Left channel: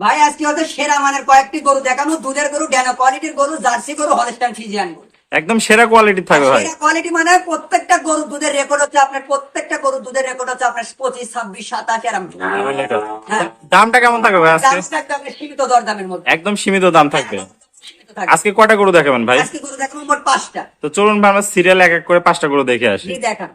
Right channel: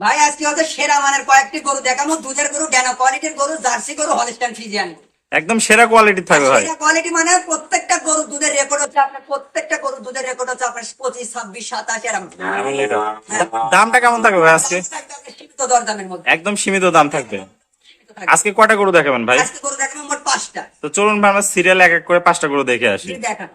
ভাই আজকে হচ্ছে সেরা মানের কয়েকটি গরু দেখাবো। দুধের গরু ড্যানো কোয়ালিটির গরু জার্সি গরু হলস্টাইন ফিজিয়ান গরু। একদম সেরা কোয়ালিটি থাকবে ভাই। সেরা কোয়ালিটি মানে প্রত্যেকটা গরু দুধের রেকর্ড হচ্ছে আপনার প্রত্যেকটা গরু দুধের রেকর্ড হচ্ছে আপনার পঁচিশ ছাব্বিশ সাতাশ এরকম হ্যাঁ। দামটা কেমন থাকবে ভাই আজকে? সীমিত দরদামের মধ্যে। একদম সীমিত দাম থাকবে। আজকে কয়টা গরু দেখাবেন ভাই? আজকে গরু দেখাবো মোট পাঁচটা। তো চলুন ভাই আমরা সিরিয়াল এক এক করে পাঁচটা গরু দেখে আসি। দেখান।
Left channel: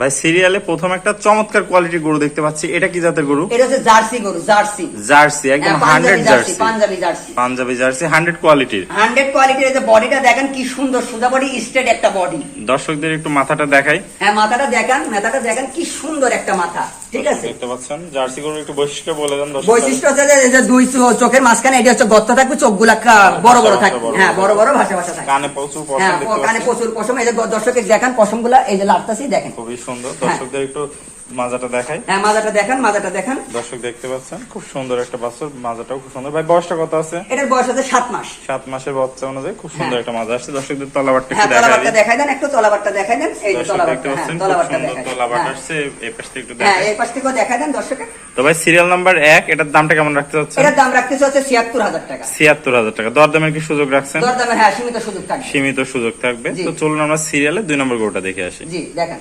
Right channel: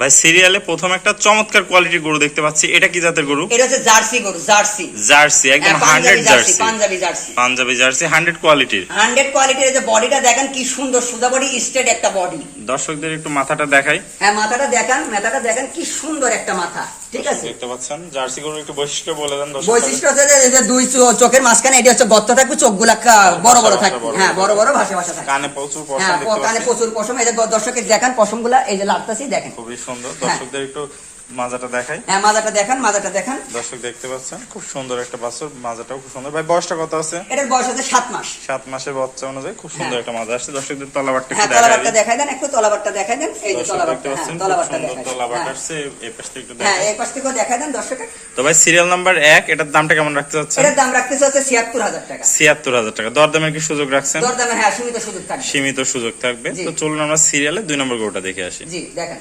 ভাই সিরিয়ালে প্রথম একটা চমৎকার কোয়ালিটির গরু দেখতে পাচ্ছি। এটা কি জাতের গরু? এটা হচ্ছে জার্সি গরু জার্সি। জার্সি একদম হ্যাঁ, Punjabi jersey Punjabi jersey. Punjabi jersey hundred কোয়ালিটির হান্ড্রেড কোয়ালিটির যে বডিটা দেখেন কি সুন্দর সুদা বডি স্ট্রেট একটা বডি দর্শকদের একটু মাথাটা দেখাই। হ্যাঁ মাথাটা দেখান মাথাটা দেখেন কি সুন্দর একটা মাথা। ঠিক আছে। দেখতে পাচ্ছেন জার্সি গরুর একটু বৈশিষ্ট্য বলে দেন দর্শক বৈশিষ্ট্য হচ্ছে যে এই দুই চোখের মাঝখানে এটা হচ্ছে গর্ত থাকবে চোখগুলা কা- বড় বড় থাকবে বড় হ্যাঁ বড়। বড় বড় ভাষা ভাষা থাকে। কানে প্রচুর পশম হ্যাঁ কানে প্রচুর পশম। এই যে দর্শকের দেখান পশমগুলা এই যে লাফতাছি দেখেন। খুবই সুন্দর। দর্শকদের একটু মাজাটা দেখাই। হ্যাঁ মাজাটা দেখেন মাজাটা দেখেন। দর্শক দেখতে পাচ্ছেন খুব সুন্দর একটা বাছুর মাজাটাও খুব সুন্দর। ভাই বয়সটা কত আছে? এটার বয়স হচ্ছে সাত মাস। সাত মাসের বাচ্চা অনুযায়ী খুব সুন্দর হ্যাঁ। একটা মাজা আসছে দর্শকদের তলাবারটা হ্যাঁ একটু দেখাই তলাবারটা দিই। দেখাই দেন একটু তলাবারটা দেখাই দেন। এই যে দেখতে হ্যাঁ সুন্দর দেখাই। তলাবাট হ্যাঁ। আসছে এই পাশ থেকে একটু হ্যাঁ দেখাই। এই পাশ থেকেও দেখাই দেন দর্শকের তো ভাই সিরিয়াল নাম্বার এক এটার দামটা কেমন রাখতে চাচ্ছেন? এটার দাম হচ্ছে ছিয়াত্তর হাজার টাকা। ছিয়াত্তর হাজার টাকা। দরদামের কি সুযোগ রাখছেন? দরদামে হ্যাঁ সীমিত সুযোগ থাকবে। সীমিত সুযোগ থাকবে। তো চলুন আমরা সিরিয়ালে দুই নম্বর গরুটা দেখে আসি। জি দেখেন।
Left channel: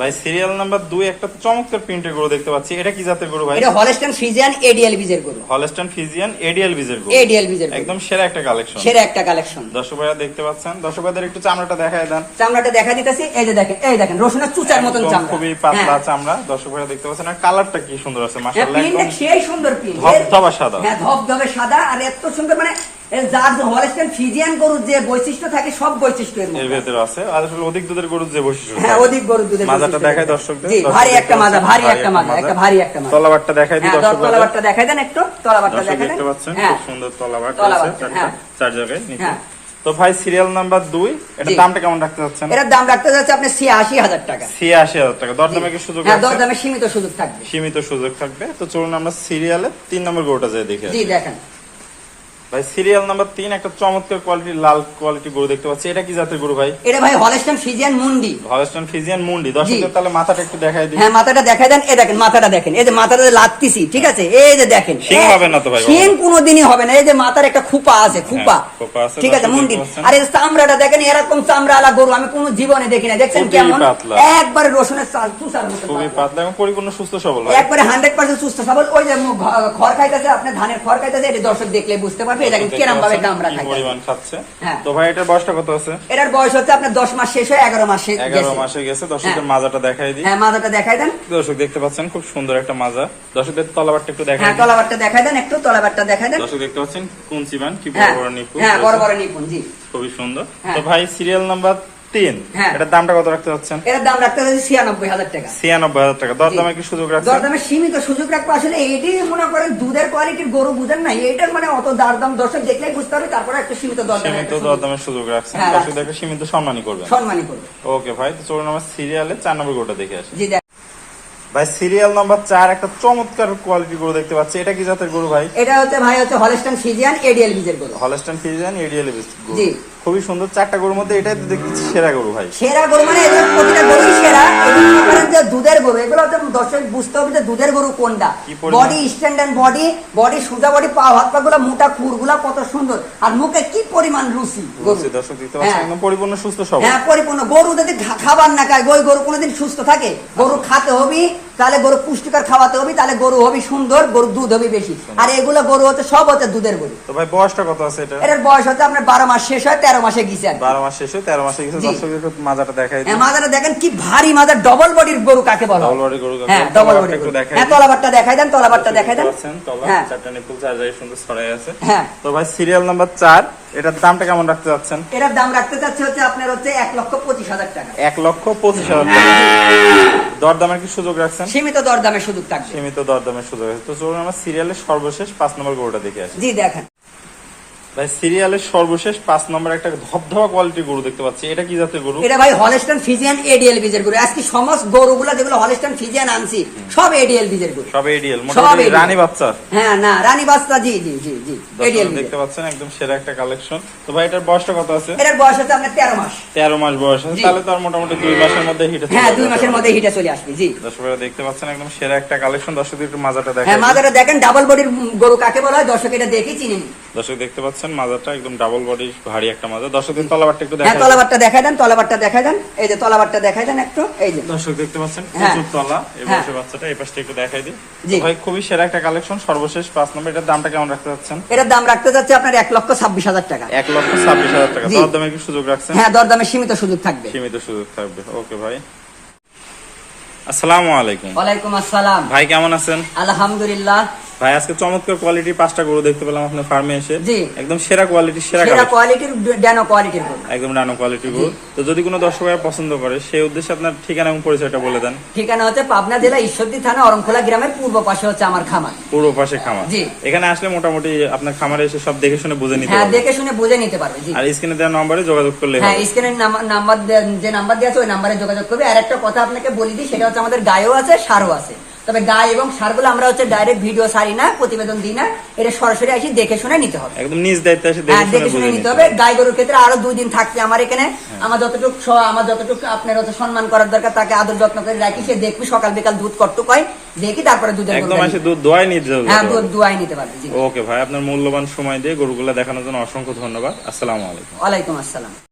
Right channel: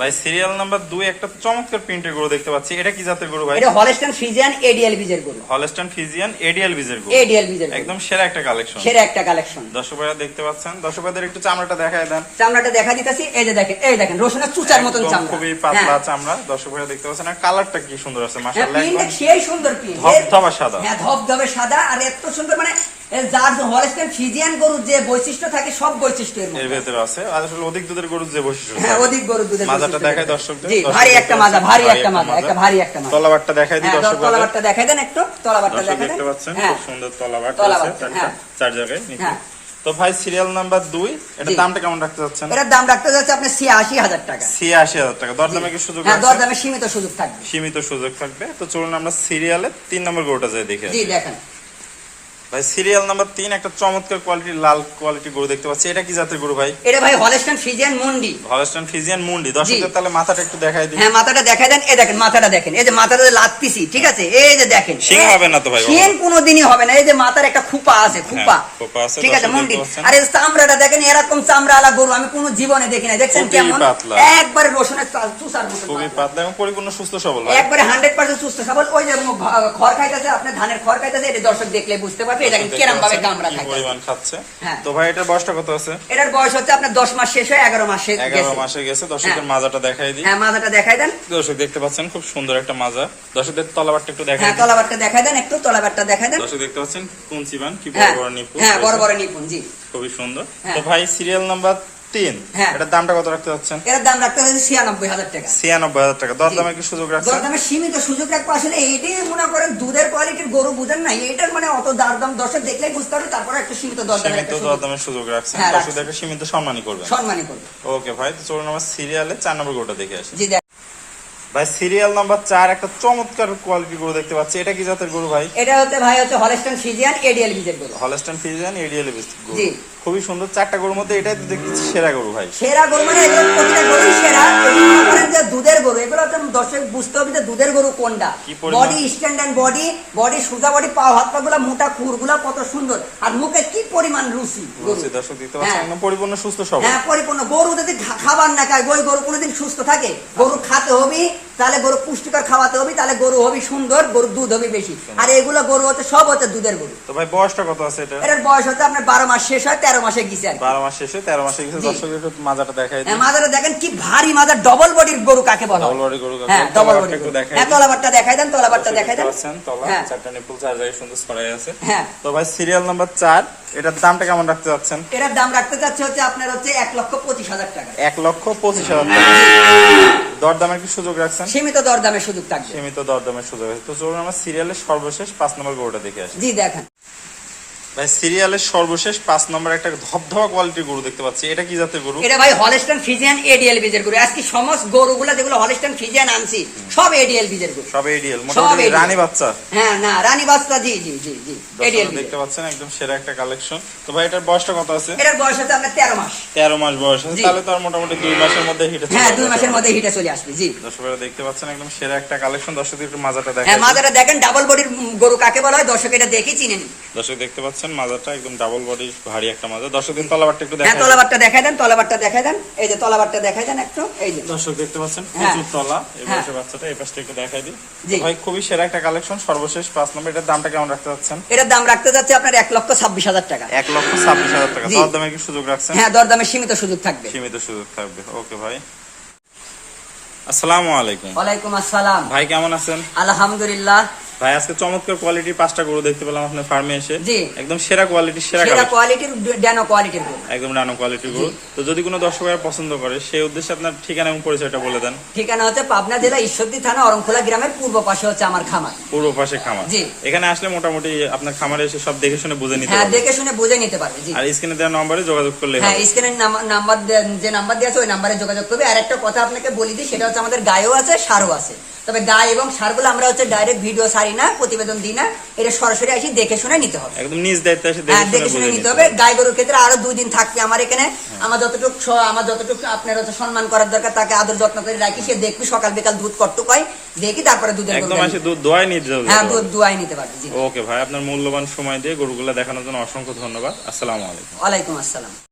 ভাই সিরিয়াল নাম্বার দুই একটা চমৎকার প্রিন্টের গরু দেখতে পাচ্ছি। এটা কি জাতের গরু ভাই? এটা হলস্টাইন ফ্রিজিয়ান এডিএল বীজের গরু। হলস্টান ফিজিয়ান এডিএল বিজের গরু। এডিএল বীজের একদম সেরা একটা কালেকশন সেরা একটা কালেকশন দর্শক ভাইরা দেখতে পাচ্ছেন। দর্শক ভাইদের একটু চামড়াটা দেখায় দেন। চামড়াটা দেখা দিতেছি। এই যে দেখেন এই দেখেন রসুনের চুচার মতন চামড়া। খুবই পাতলা হ্যাঁ। চামড়া। দর্শক ভাইরা দেখতে পাচ্ছেন। আর কালারটা কি সুন্দর আছে হ্যাঁ, মাশাআল্লাহ একদম সেই সুন্দর প্রিন্ট ধবধবা সাদা। হ্যাঁ ধবধবে সাদা। আর এত সুন্দর মানে যার ফ্রিজিয়ান গরুর যে বৈশিষ্ট্য থাকে সব বৈশিষ্ট্য এর ভেতরে আছে। আর আসলে অধিক দুধের গরুর যে বৈশিষ্ট্য হ্যাঁ অধিক গরুর দুধের মাজাটা থাকে। দর্শকদের। জি, ভারী একটা মাজা ভারী একটা মাজা একটা ভারী একটা মাজা তলাবারটা দেখাই দিই হ্যাঁ, দর্শক ভাইদের তলাবারটা দেখাই দেন একটু। দর্শক দেখাই দেখতে পাচ্ছেন? হ্যাঁ। খুব সুন্দর তলাবাট রয়েছে। চারটা হ্যাঁ। চার জায়গায় নিচে। তো ভাই সিরিয়াল নাম্বার দুই এটার জি। দামটা কেমন রাখতে চাচ্ছেন? এটার দাম রাখতে যাচ্ছে আপনি ছিয়াশি হাজার টাকা। ছিয়াশি হাজার টাকা। দরদামে কি সুযোগ আছে দরদামে সীমিত সুযোগ থাকবে। সীমিত সুযোগ থাকবে। তো চলুন আমরা সিরিয়ালে তিন নম্বর গরুটা যাই দেখে জি দেখেন। ভাই সিরিয়াল নাম্বার তিন একটা চমৎকার কোয়ালিটির লাল কোয়ালিটির গরু দেখতে পাচ্ছি। এটা কি জাতের গরু ভাই? এটা ভাই হলস্টাইন ফ্রিজিয়ান মুন্ডি হলস্টান ফিজিয়ান মুন্ডি দর্শকদের তাহলে মাথাটা একটু দেখাই দিই। হ্যাঁ মাথাটা দেখাই দেন। এই দেখেন মাথাটা দেখেন। এই যে মাথাটা লাগতেছি ঠিক আছে? এই যে দেখেন। শিং হবে না তো ভাই শিং কোনোদিনই হবে না। এই যে মাথার একটা খুপা আছে খুপা হ্যাঁ, খোপা। আছে, ঠিক আছে মুন্ডি। আর চামড়াটা দেখেন এরকম চামড়া আলা গরু। আমি কোনো জীবনে দেখি না দেখছেন কেমন? একবারে রসুনের চা- চুষার মতো খুবই পাতলা। এবং পরিপূর্ণ সুস্থ সবল ভাই। একবারে হান্ড্রেড পার্সেন্ট সুস্থ সবল। ওই যে খড় খাইতেছে আপনার ধানের খড় খাইতেছে এটা দর্শক দেখলে বুঝতে পারবে ভাবে গামরা পরিমাণ খাচ্ছে? হ্যাঁ। তো ভাই এটার বয়সটা কত আছে? এটার বয়স হচ্ছে আপনার দশ মাস শেষ হয়ে এগারো মাসে এগারো গেছে। মাসে গেছে। দর্শকদের হ্যাঁ। মাজাটা দেখাই দিই। হ্যাঁ মাথাটা দেখাই দেন। দর্শক দেখতে পাচ্ছেন খুব সুন্দর একটা মাজা। দর্শকদের তলাবারটা একটু দেখাই হ্যাঁ তলাবারটা দেখাই দেন একটু তলাবারটা দেখাই দেন। দর্শক দেখতে পাচ্ছেন কুঞ্চিবান কি বড় বড় নিপুণ হ্যাঁ বড় বড় নিপুণ জি। খুবই সুন্দর। তো ভাই সিরিয়াল নাম্বার তিন। হ্যাঁ। এটার দামটা কত রাখতে চাচ্ছেন এটার দাম রাখতে হচ্ছে ছিয়ানব্বই হাজার টাকা। ছিয়ানব্বই হাজার টাকা। দরদামে কি সুযোগ রাখছেন? দরদামে সীমিত সুযোগ রাখব। আসলে এইটাই মনে করেন দুধের কোয়ালিটির গরু বুঝেন না এইটার মানে অত দাম দর্শক দেখলে বুঝতে হবে তারপরে একটা সীমিত দরদাম সীমিত দরদামের সুযোগ রাখছেন। হ্যাঁ, দর্শকদের একটা সীমিত সম্মানই করবেন। সম্মানী করব। ওকে ভাই তো চলুন আমার সিরিয়ালে চার নম্বর গরুটা দেখে আসি। জি ভাই সিরিয়াল নাম্বার চার একটা চমৎকার কোয়ালিটি গরু দেখতে পাচ্ছি। এটা কি জাতের গরু ভাই? এটা হচ্ছে ভাই হচ্ছে হলস্টাইন ফিজিয়ান এডিএল বীজের গরু। হলস্টান ফিজিয়ান এডিএল গরু জি। খুবই সুন্দর চারটা গরুর মধ্যে এটাই তো দেখতেছি সেরা গরু ভাই। সেরা গরু মানে এগুলো প্রতিটা গরুই সেরা। মনে যে দুধের গরু এগুলো হচ্ছে দর্শক বুঝতে হবে যে দুধের গরু কোনটা? বডি স্ট্যান্ডার্ড বডি বডি সুজা বডি পা হাত পা গুলা মোটা খুরগুলা কত সুন্দর। আর মুখে কি পরিমাণ রুচি বুঝছি, দর্শক দেখতে পাচ্ছেন হ্যাঁ। একদম পরিপূর্ণ সুস্থ সবল। হ্যাঁ পরিপূর্ণ। গরু যদি খাবার না খায় ওই গরু কোনোদিন সুস্থ থাকে? গরু খাতে হবে তাহলে গরু পুষ্টিকর খাওয়াতে হবে তাহলে গরু হবে সুন্দর গরু দুধ হবে বেশি। আর এগুলো গরু হচ্ছে সব হচ্ছে দুধের গরু। তো ভাই বয়সটা কত আছে এটা? এটার বয়স হচ্ছে আপনার বারো মাস শেষ হয় তেরো মাসে গিয়েছে বারো মাস শেষে তেরো মাসে। দর্শকদের একটু মাজাটা দেখাই হ্যাঁ, মাদারে দেখেন কি ভারী মাদার ডবল বডির গরু কাকে বলা? ডবল বডি গরু হ্যাঁ ডবল বডির গরু। হ্যাঁ তলাবারটা দেখাই দেন তলাবারটা দেখাই দেন। তলা, হ্যাঁ। চারটা নিপুল চার জায়গায় সুন্দর ছড়াই আছে। হ্যাঁ। তো ভাই সিরিয়াল নাম্বার চার এটার দামটা কেমন রাখতে যাচ্ছেন এটার দাম রাখতে চাচ্ছি হচ্ছে আপনার হচ্ছে এক লক্ষ পঁচিশ হাজার টাকা। এক লক্ষ পঁচিশ হাজার টাকা। দরদামের কি সুযোগ রাখছেন? সীমিত দরদামের সুযোগ থাকবে। সীমিত দরদামের সুযোগ আছে। তো চলুন আমরা সিরিয়ালের সর্বশেষ পাঁচ নম্বর গরুটা দেখে আসি। জি দেখেন। ভাই সিরিয়ালের সর্বশেষ পাঁচ নম্বর একটা ধবধবা কোয়ালিটির গরু দেখতে পাচ্ছি। এটা কি জাতের গরু? এটা ভাই হলস্টাইন এডিএল বীজের গরু। আজকে সমস্ত গরুগুলো যেগুলো হলস্টাইন আনছি সব এডিএল বীজের গরু। সব এডিএল মোটামুটি রানী বাচ্চা। হ্যাঁ না রানী বাস্তা জি জি জি জি এডিএল দেখতে পাচ্ছেন একদম সেরা একটা কালেকশন তো ভাই এটার বয়সটা কত আছে? এটার বয়স হচ্ছে আপনার তেরো মাস। তেরো মাস বয়স আছে তাহলে তো আর মোটামুটি দুই মাসের মধ্যে হিটে হ্যাঁ দুই মাসের মধ্যে হিটে চলে আসবে জি। দর্শকরা দেখতে পাচ্ছেন একদম সেরা একটা কালেকশন দর্শকদের একটু মাজাটা হ্যাঁ দেখেন মাজারে দেখেন ডাবল বডির গরু কাকে বলা হয়? দর্শক এটা দেখে চিনে নিন। দর্শক দেখতে পাচ্ছেন মাজারটা একদম ডাবল বডি ভারী একটা মাজা দর্শকদের তলাবারটা একটু হ্যাঁ দেখেন তলাবারটা দেখাই দেন তলাবারটা দেখাই দেন। এই যে তলাবারটা দেখাই দেন একটু এই যে। দর্শক দেখতে পাচ্ছেন হ্যাঁ। প্রচুর তলা এই হ্যাঁ। বয়সের বাচ্চাটা এই পাশটা একটু দেখাই দিই। ভাই খুবই সেরা একটা কালেকশন সর্বশেষ পাঁচ নম্বর। এটার দামটা কেমন রাখতে চাচ্ছেন? এটার দাম রাখতে যাচ্ছে আপনার এক লক্ষ ছাব্বিশ হাজার টাকা। এক লক্ষ ছাব্বিশ হাজার টাকা। জি। দর দামে কি সুযোগ রাখছেন? হ্যাঁ দরদামে সীমিত সুযোগ থাকবে। সীমিত সুযোগ থাকবে। ওকে ভাই। আসসালামু আলাইকুম। ওয়ালাইকুম আসসালাম। ভাই কেমন আছেন? আলহামদুলিল্লাহ। ভাই আজকে চমৎকার কোয়ালিটির পাঁচটা গরু দেখতে পেলাম আপনার ফার্মে এসে। একদম সেরা কোয়ালিটির সেরা সেরা কোয়ালিটির ড্যানো কোয়ালিটির গরু। একদম নানো কোয়ালিটির গরু। তো যদি কোনো দর্শক ভাই পছন্দ করে সেই উদ্দেশ্যে আপনার ঠিকানা এবং পরিচয়টা বলে দেন। ঠিকানা হচ্ছে পাবনা জেলা ঈশ্বরদী থানা অরংখোলা গ্রামের পূর্ব পাশে হচ্ছে আমার খামার। পূর্ব পাশে খামার। জি। এখানে আসলে মোটামুটি আপনার খামারে এসে সব দেখে শুনে বুঝে নিতে হ্যাঁ পারবে। দেখে শুনে বুঝে নিতে পারবে জি। আর স্ক্রিনে দেওয়া নম্বরে যোগাযোগ করলে হ্যাঁ হবে। স্ক্রিনের নাম্বার যে নাম্বার দেওয়া আছে ওই নাম্বারে যোগাযোগ করবে। আর একটা কথা আপনাকে বলি দিই সেটা হচ্ছে আমাদের গায়েও আছে সারও আছে। তবে গায়ে এবং সারগুলো আমরা হচ্ছে ডাইরেক্ট ভিডিও সারি না প্রতিবেদন দিই না। এটা সরাসরি আসি দেখে শুনে নিতে হবে। একদম নিজ দায়িত্বে এসে হ্যাঁ দেখে শুনে নিতে নিতে হবে। হবে। গাই গরুর ক্ষেত্রে আরও দুই দিন থাকবে আমার এখানে। হ্যাঁ। আমার যতটুকু স- আমার যতটুকু আপনার হচ্ছে সম্মান করার দরকার তাকে আদর যত্ন করে রাখি। সে দেখবি সকাল বিকাল দুধ করতে কয় দেখি তারপরে দুধের একদম এসে দুধ দোয়াই নিয়ে যেতে হ্যাঁ দুধ দুয়াই নিতে পারবে জি। ওকে ভাই আপনার মূল্যবান সময় দিয়ে গরুগুলো দেখানোর জন্য অসংখ্য ধন্যবাদ। আসসালামু আলাইকুম। ওয়ালাইকুম আসসালাম।